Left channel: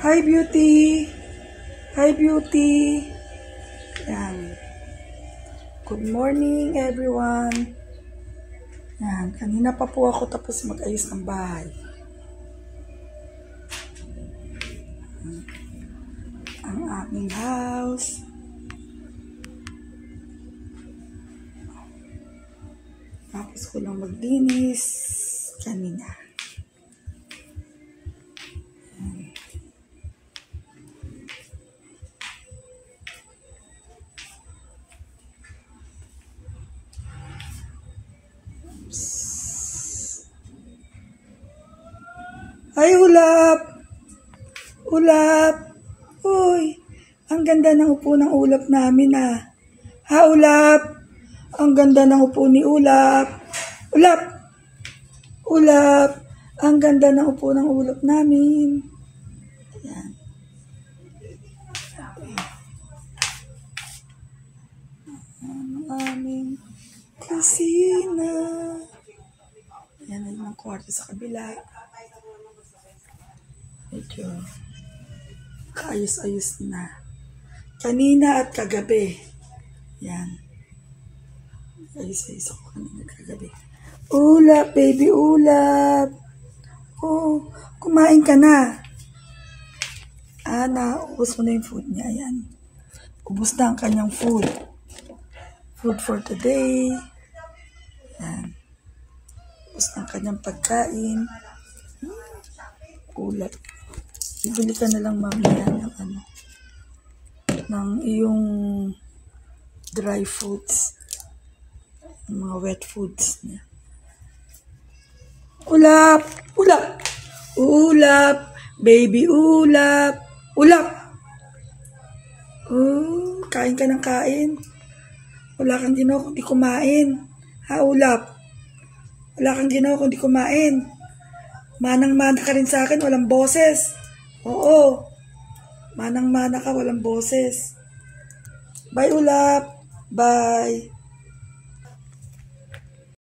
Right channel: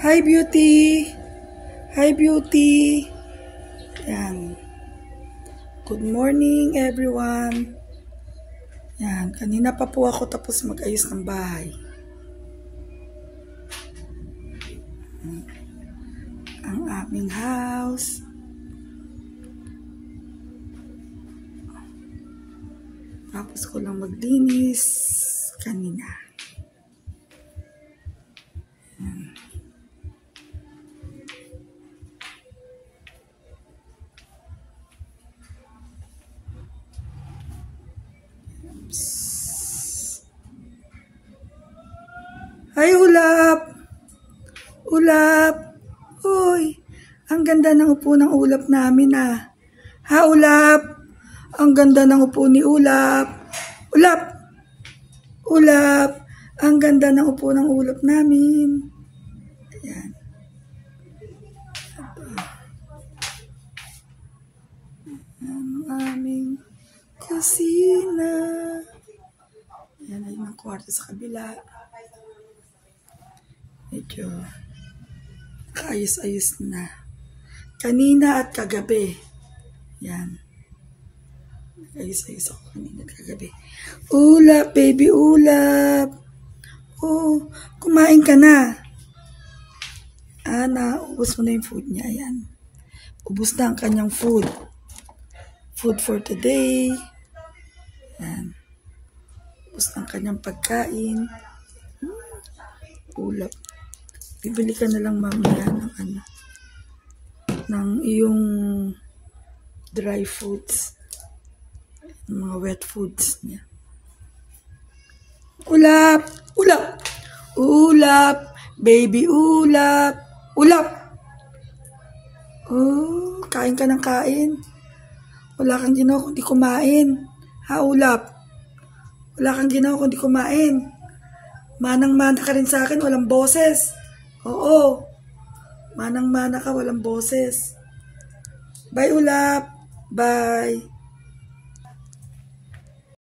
Hi, beauty. Hi, beauty. Yan. Good morning, everyone. Yan. Kanina pa po ako tapos mag-ayos ng bahay. Ang aming house. Tapos ko lang maglinis kanina. Hi, Ulap! Ulap! Hoy! Ang ganda ng upo ng Ulap namin ah. Ha, Ulap? Ang ganda ng upo ni Ulap. Ulap! Ulap! Ang ganda ng upo ng Ulap namin. Ayan. Ang aming kusina. Ayan na yung kwarto sa kabila. Medyo kaayos-ayos na. Kanina at kagabi. Yan. Ayos-ayos ako kanina at kagabi. Ulap, baby Ulap. Oh, kumain ka na. Naubos mo na yung food niya. Ayan. Ubos na ang kanyang food. Food for today. Yan. Ubos na ang kanyang pagkain. Ulap. Bibili ka na lang mamaya ng iyong dry foods, mga wet foods niya. Ulap! Ulap! Ulap! Baby Ulap! Ulap! Oh, kain ka ng kain. Wala kang ginawa kundi kumain. Ha, Ulap? Wala kang ginawa kundi kumain. Manang-mana ka rin sa akin, walang boses. Oo. Manang-mana ka, walang boses. Bye, Ulap. Bye.